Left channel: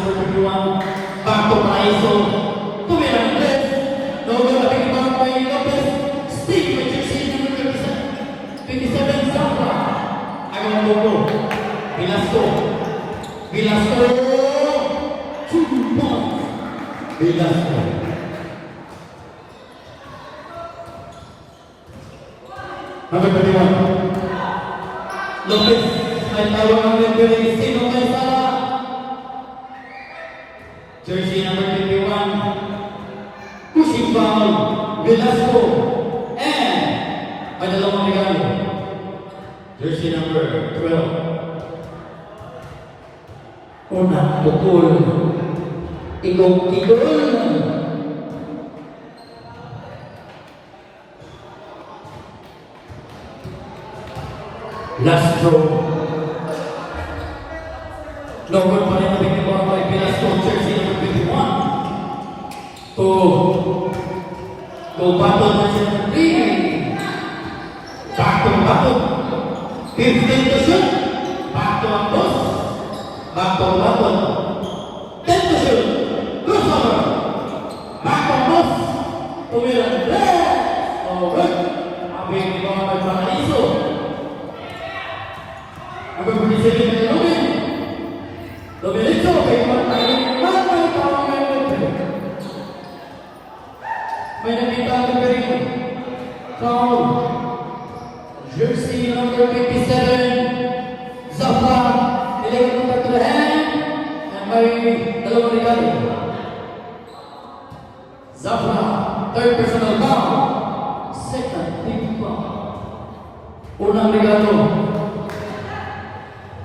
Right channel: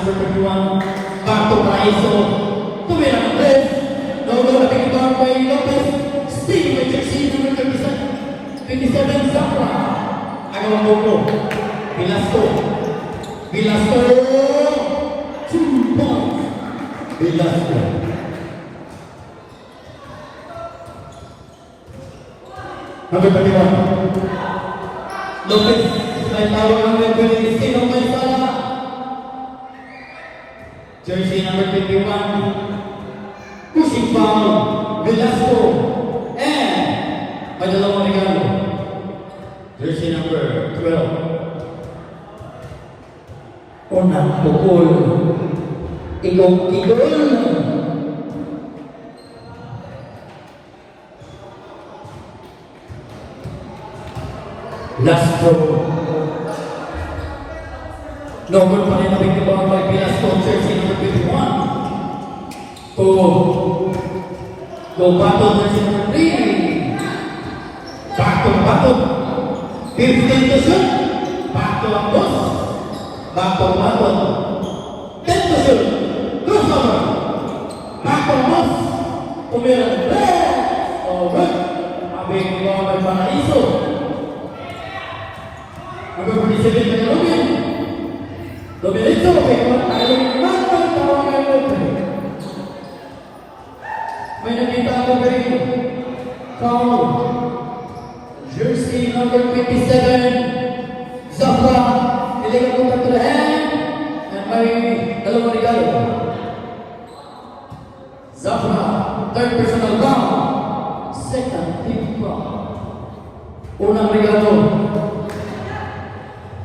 number 31, Pato Paraiso. Tumira Andres. Logo na pinibang by Lopez. Stick by jersey number 37. 27, Zafra. Agaw Logo. Velasco. 2 points. Velasco. Number 31. Lopez. May tawag ng number 26. May sala. Jersey number 21. Pushing foul. Velasco. And Padalong Regalo. Jersey number 12. Unang pukul. Ilong-tigol. Last throw. Number pa rin na bigibang by Velasco, jersey number 21. To battle jersey number 3. Bato. 15 to shoot. Bato ang boss. Bato. 10 to shoot. Crossover. Bato ang boss. Tumira. Over. Abing ikaw ay Paraiso. Number 47 na Robin. Dominito, kaya naman tayo magpapawagay mo. May nakita ang magaling. Foul. Jersey number 57. Zafra. Nilagay mo back to the hand. And may dalawang regalo. Zafra. Third personal foul. Second team foul. Unang regalo.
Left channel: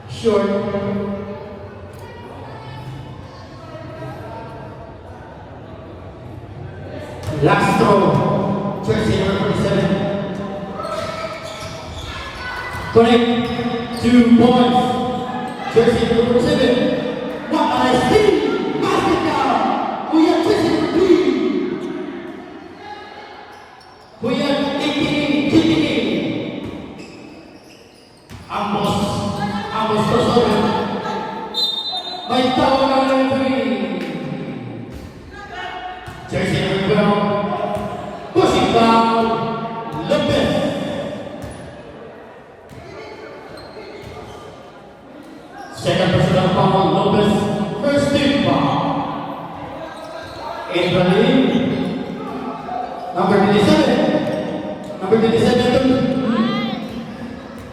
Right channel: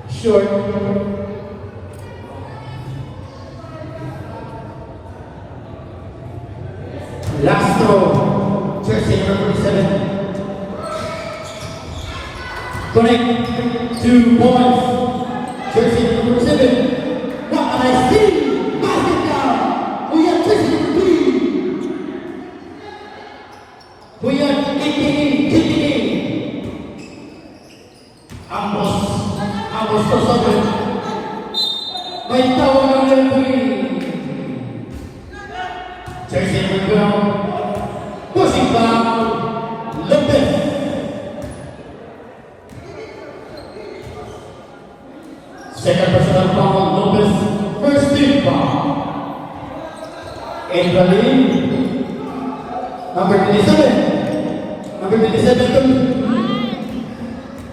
Short. Last throw. Jersey number 37. Connect 2 points. Jersey number 7. What I see. Basket. We have jersey number 3. We have KTK. Ambos to sorry. May tawag ang referee. Jersey number 12. Pushing foul. Lopez. Second personal foul. Lopez. First team foul. Ibrahim. Number 27. Number 27.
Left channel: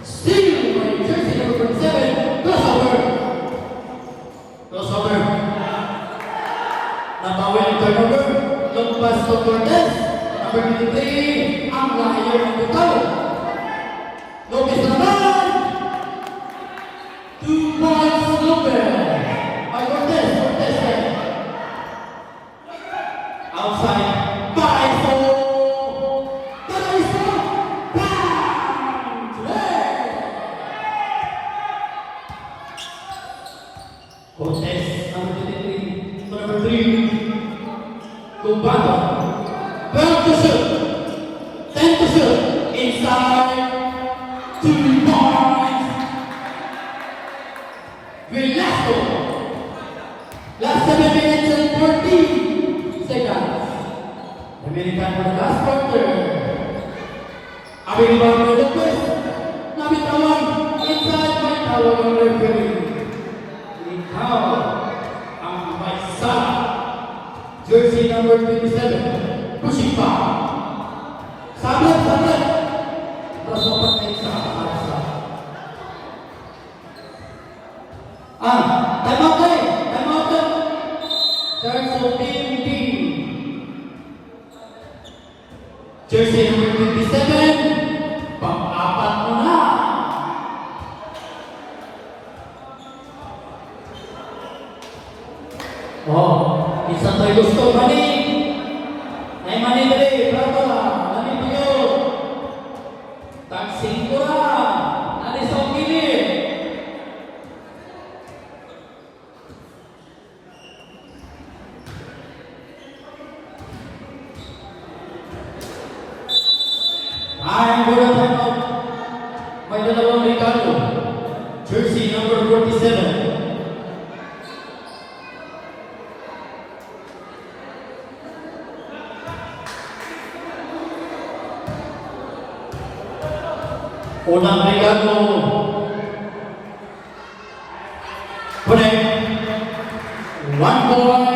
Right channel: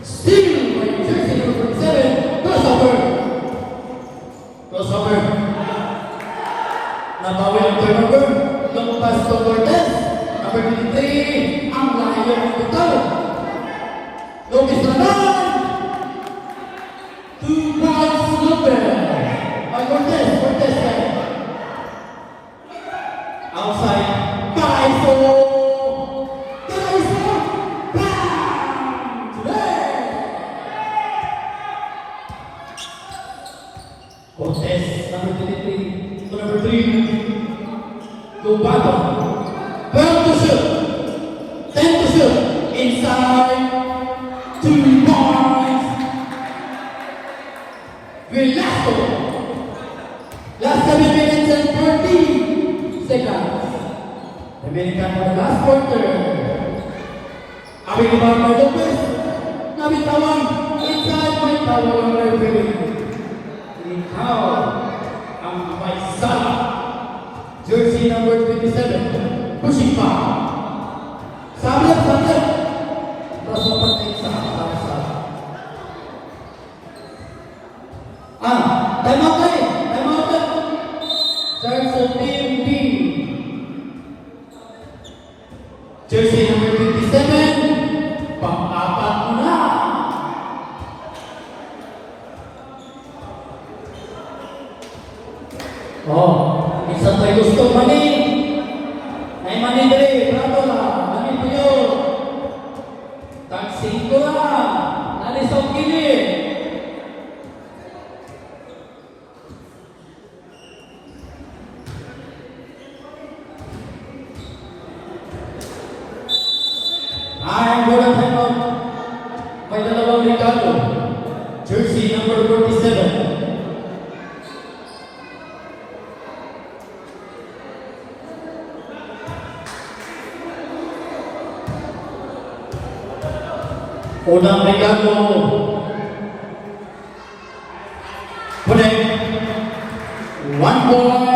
Steal. Jersey number 7. Crossover. Nabawi ang turnover. Lumpas to Cortez. Number 23. Ang layo ng bitaw. Lopez naman. 2 points Lopez. Ay Cortez. Outside. Paraiso. Cortez, number 23, to number 3, to Bato. 12 to shoot, 10 to shoot, inside, 2 points. Velasco. Last 7 minutes and 14 seconds. American for the last quarter. Abing ibang na Lopez, nabitawan, inside, nabitawan ang referee. Ikaw ang may sala. Jersey number 27. Pushing foul. Sabit. Terus open sa sabit. Time out. Search of team B. Jersey number 27. Pang-apat mo na. Isang tayo gusto, mani. May mani dali, bravo. Mani po yun. Taksin ko na. Nalisang kili. Ang golden timeout. May dalawang regalo. Jersey number 47. Unang regalo. Connect. One point.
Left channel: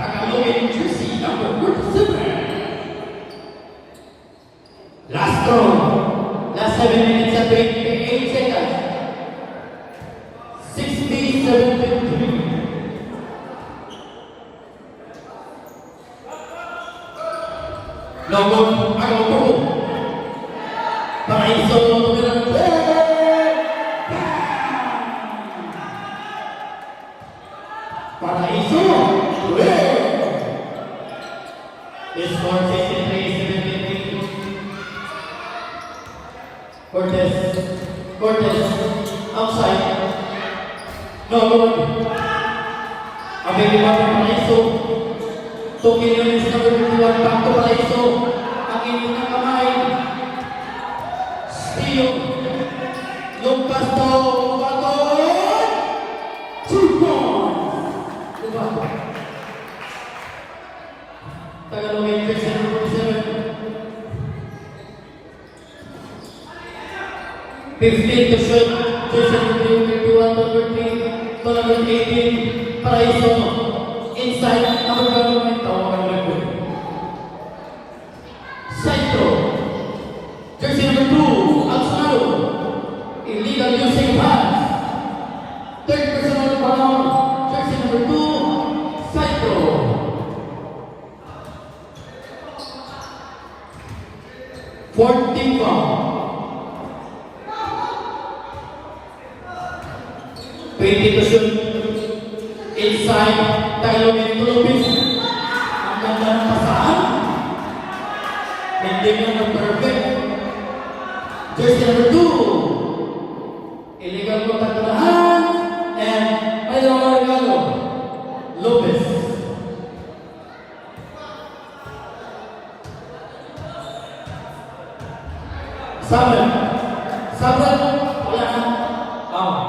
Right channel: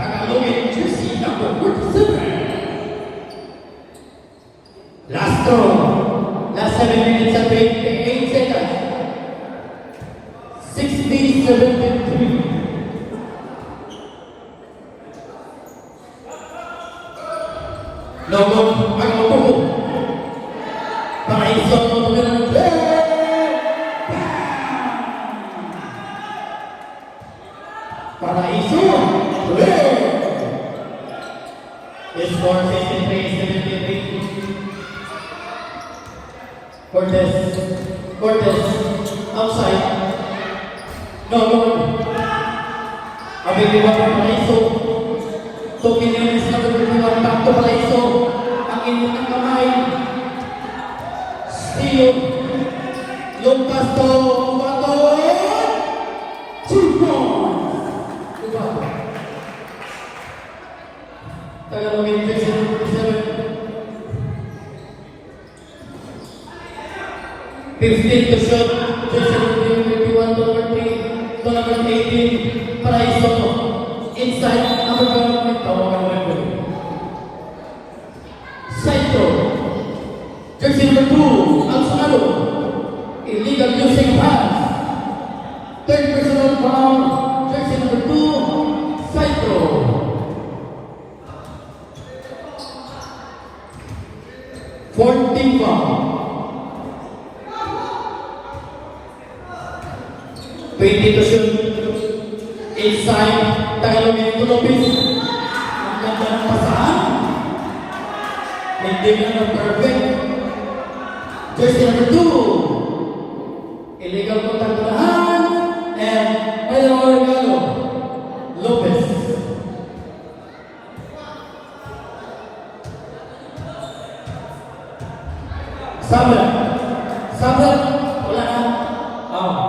Tagalogin jersey number 47. Last throw. Last 7 minutes and 28 seconds. 67-53. No good. Ang tubo. Paraiso. Paraiso. Score 63-73. Cortez. Outside. No good. Available Paraiso. Tokin yung is number 21. Back to Paraiso. Ang inyong ng kamay. Steal. Lumpas to. Bato. 2 points. Bato. Tagalogin jersey number 47. 15 to shoot. Jersey number 21, number 18. Paraiso. Inside, number 1, tawagan mo rin. Side throw. Jersey number 2, Alzado. Illegal using of hands. Third personal foul. Jersey number 2, side throw. Fourth team foul. 20 to shoot. Inside, Tagalogin Lopez. Ang ganda ng pasahan. Hindi mo na perfect. Jersey number 2. Illegal contact na hand. And may dalawang regalo. Lopez. Sabran. Wala na.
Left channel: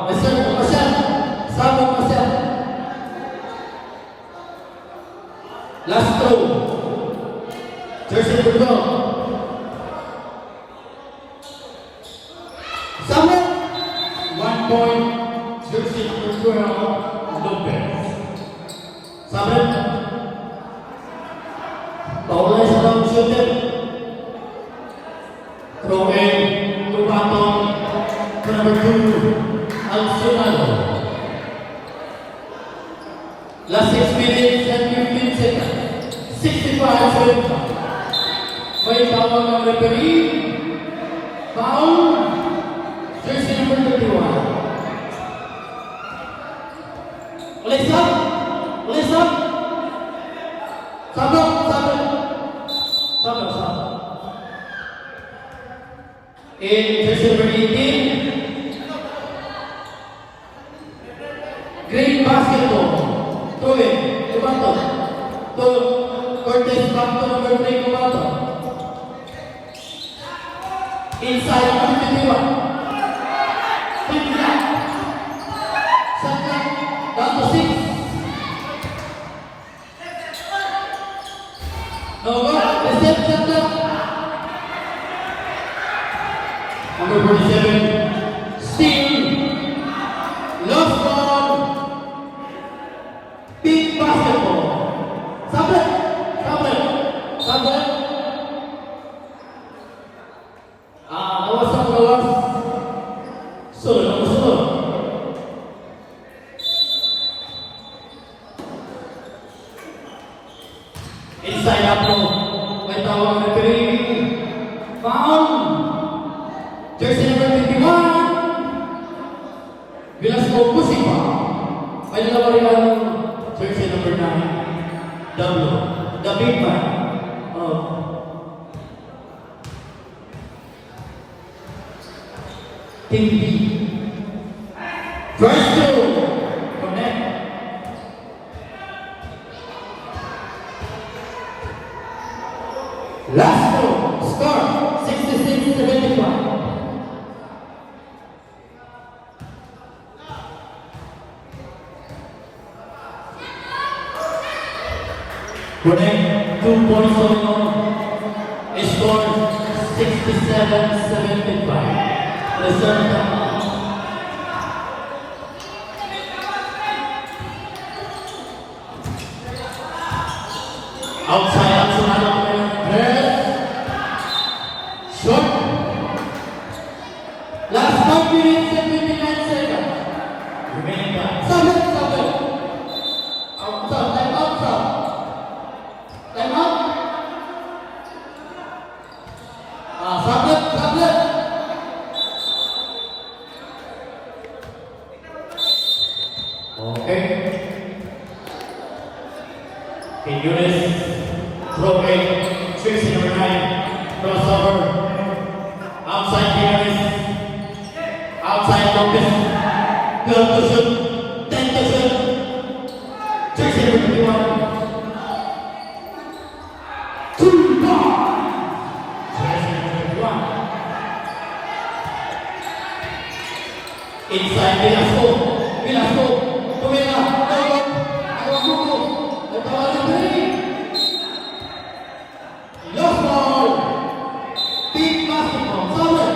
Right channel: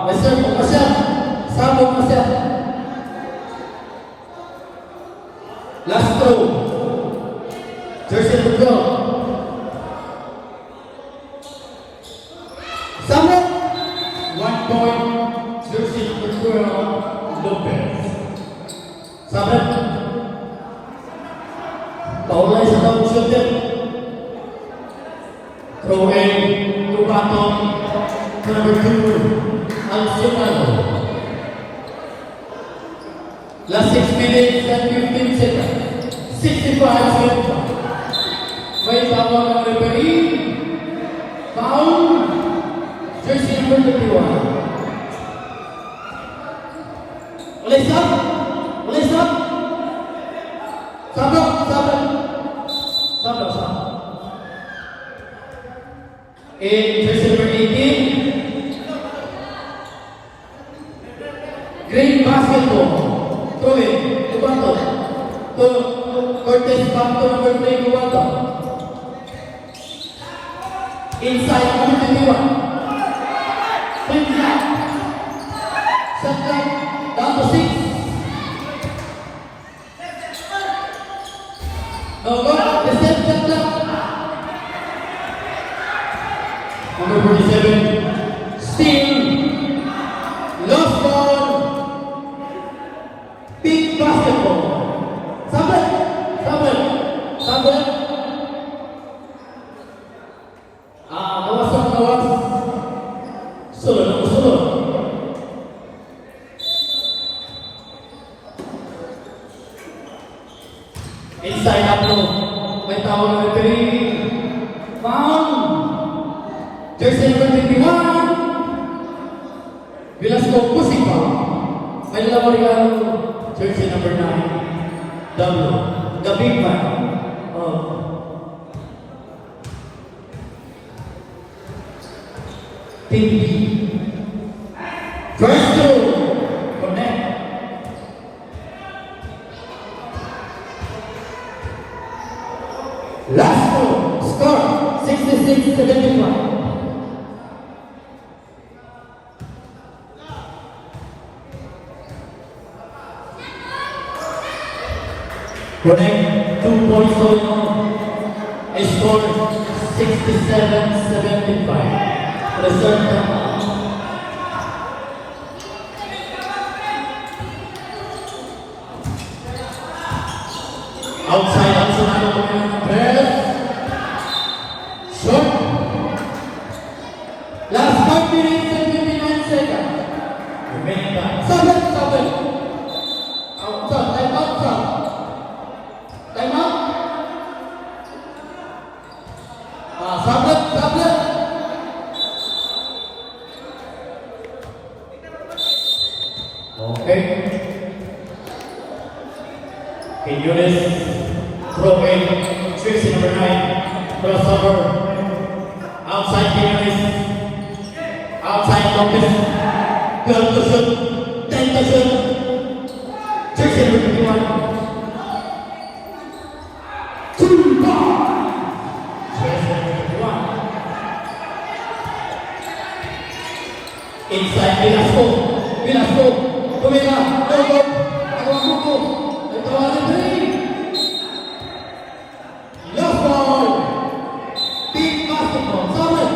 Masyad. Sabran masyad. Last throw. Jersey number 12. Sabran. 1 point. Jersey number 12. Lopez. Sabran. Paulay sa down shooter. Throw in. Rubato. Number 2. Alzado. Last 6 minutes and 15 seconds. 65 seconds. May tawag ng referee. Foul. Jersey number 31. Ulis up. Sabak. In jersey number 18. Green basketball. Throw it. Levanto. Cortez back to number 3. Levanto. Inside number 21. Quick shot. Shot clock. Down to 6. No good. Reset shot clock. Number 47. Steal. Lost ball. Big basketball. Sabran. Kawas. Sunod. Inside up mo. May tawag ng referee. Foul. Jersey number 21. Velasco Pusipa. May dalawa rin ang jersey number 9. The big man. Team B. First two. Connect. Last two. Score 66-75. Connect 2 points on. Score 67-75. Reserve time. Outside, press. Shot. Last 5 minutes and 59 seconds. Remaining time. Seven. Outside, time outside. Time out. Sablet. Okay. Okay, Eunice, throwing, fixing number 9, crossover, outside Eunice, outside Lopez, 12 to shoot, 10 to shoot, fixing number 21, 2 ball, fixing number 21, inside Velasco, Pumila, go, last ball, big basketball, Sablet.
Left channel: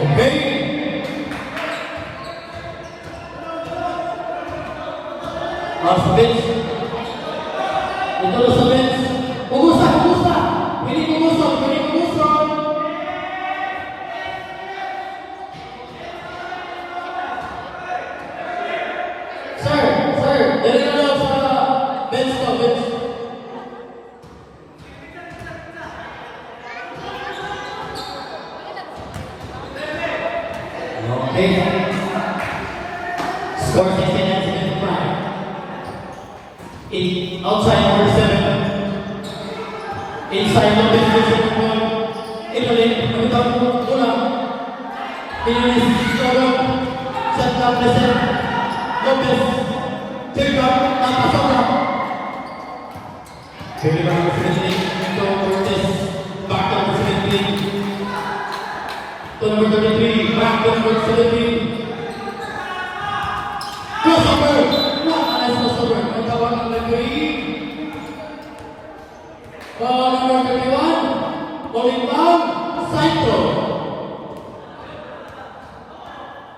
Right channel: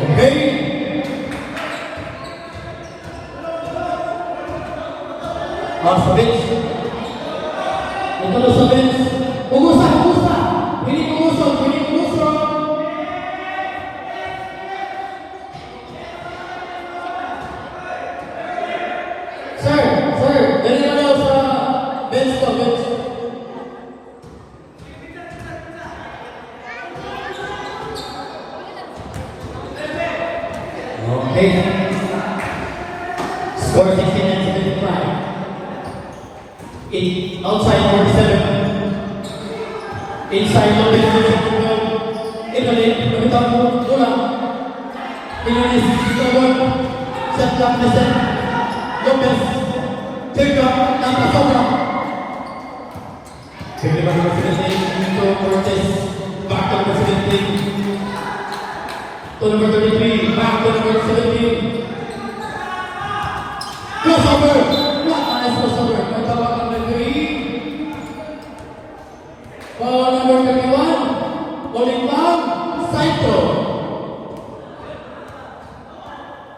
Okay. Last bench. Ito sa bench. Pumusa. Pwede pumusok. Sir. Dali na daw sa bench to, bench. Okay. Score 69-75. Outside number 7. Inside number 7. Italy, magandang bola. Eunice, set up the set. Lopez, take up, napasabra. Pwede ba number 17? To Cortez, back to number 17. To number 33, back to number 17. Crossover! Crossover! Nagtawag ng referee. Foul number 31. Rolling down. Saito.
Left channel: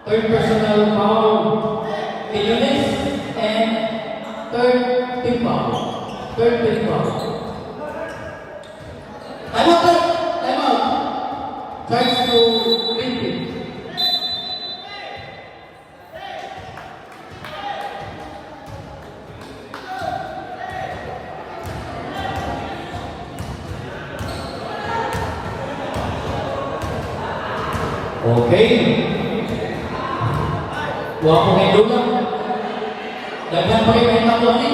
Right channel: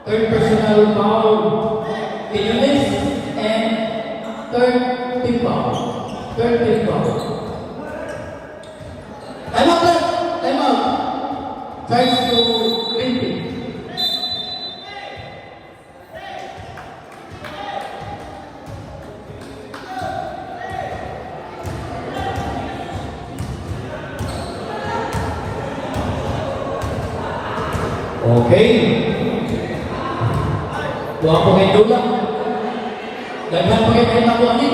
Third personal foul. Eunice and third team foul. Time out. Tries to repeat. Okay. Wapo kay Dula. Daghan pa kayo kayo nakuha ni.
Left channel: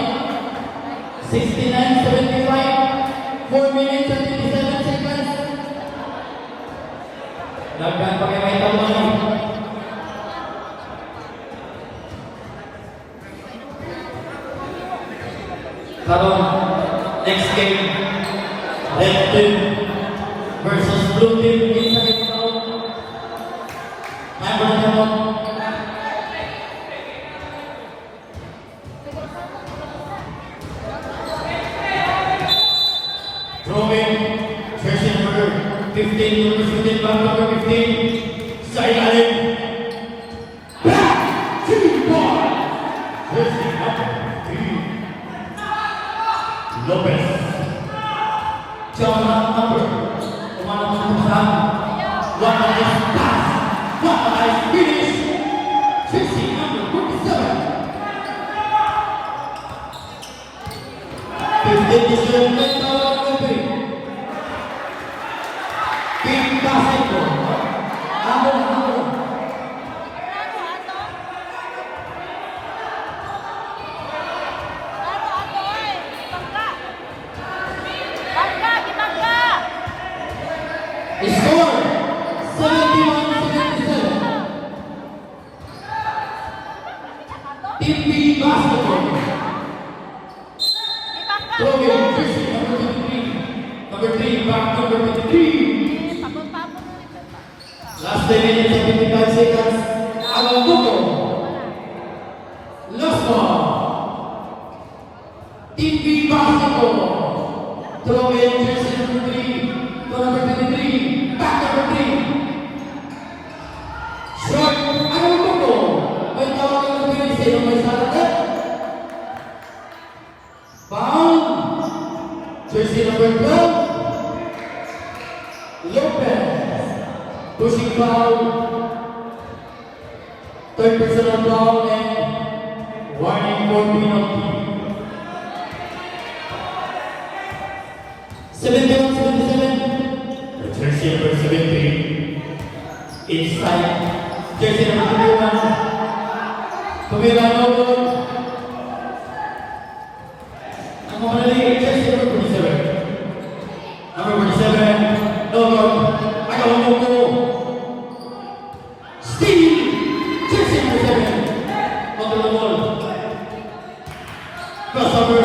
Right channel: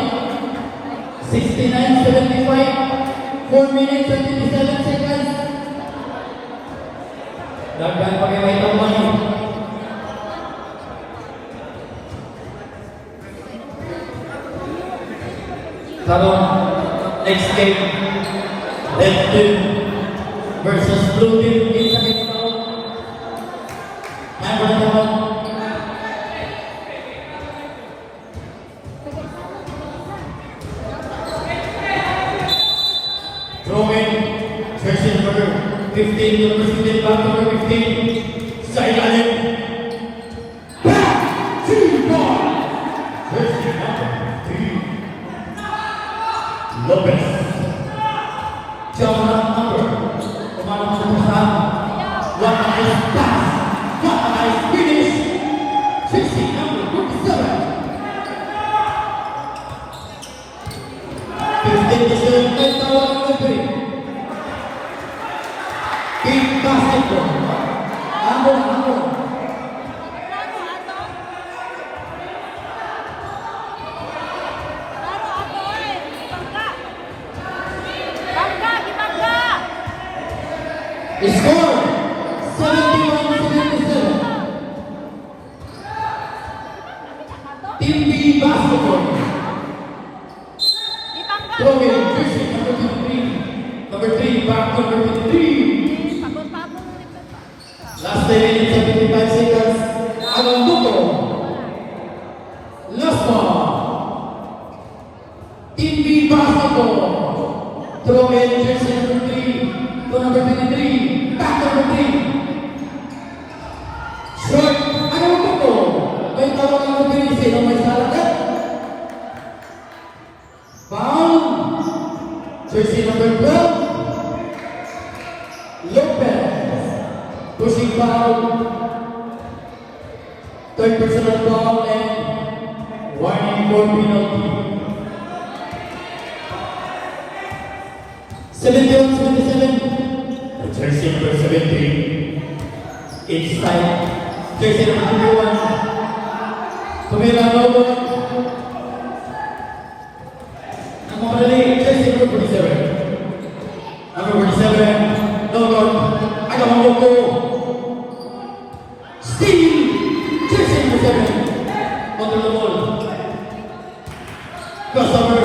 69-75. 4 minutes and 57 seconds. Daghan pa kayo kayo nakuha ni. Karon, next game. Red team versus blue team. Isa kayo nakuha. Throwing, jersey number 15, number 15, back number 15, sideline. Back to ball. Jersey number 3, Lopez. Jump number, Kumano Susan, what a nice pass, what a nice finish. 60, number 47. 15-7, tawag referee. Big basketball. Ambon. Score 71-77. Team B basketball. Throwing, jersey number 3, back number 3. Last 3 minutes and 55 seconds. Ang buto. Last one. Team B basketball. Throw in jersey number 3 to number 23. Back number 3. Short. Ang buto. May tawag ng 3. Sino may salagat? Foul. Jersey number 12. Lopez. Pushing foul. Third personal foul and warning for penalty. 71-77. Jersey number 17. Inside. Jersey number 21. Tumira Noble. Ang makalali, jersey number 47. Number 47. Noble. Agawang Boko. Steal. Jersey number 7. Noble. Crossover.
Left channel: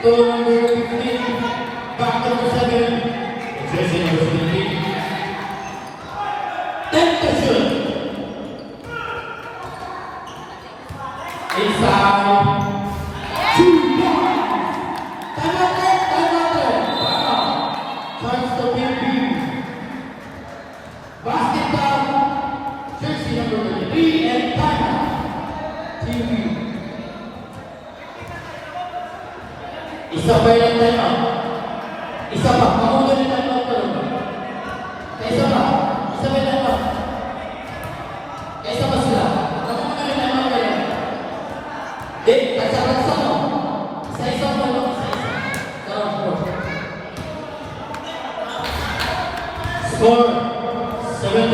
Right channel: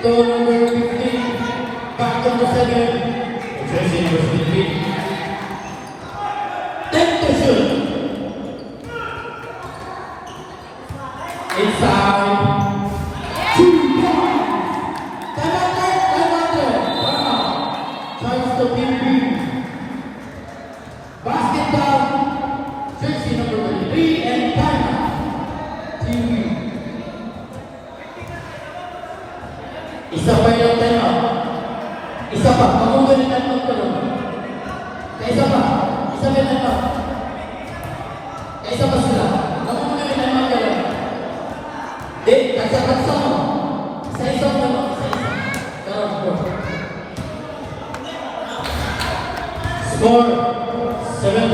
To number 15. Back to number 7. Jersey number 15. 10 to shoot. Inside. 2 points. Time out there. Wow. Chance to PB. Basket down. Jersey number 33 and time out. TV. Isa pa yung time out. Isa pa. Makundan yung time out ka lang. Isa pa. Isa pa yung time out. Isa pa sila. Makundan yung time out ka lang. Di, kasa-kasa mo. Isa-isa mo lang. Isa-isa. Sarap mo. Score. 7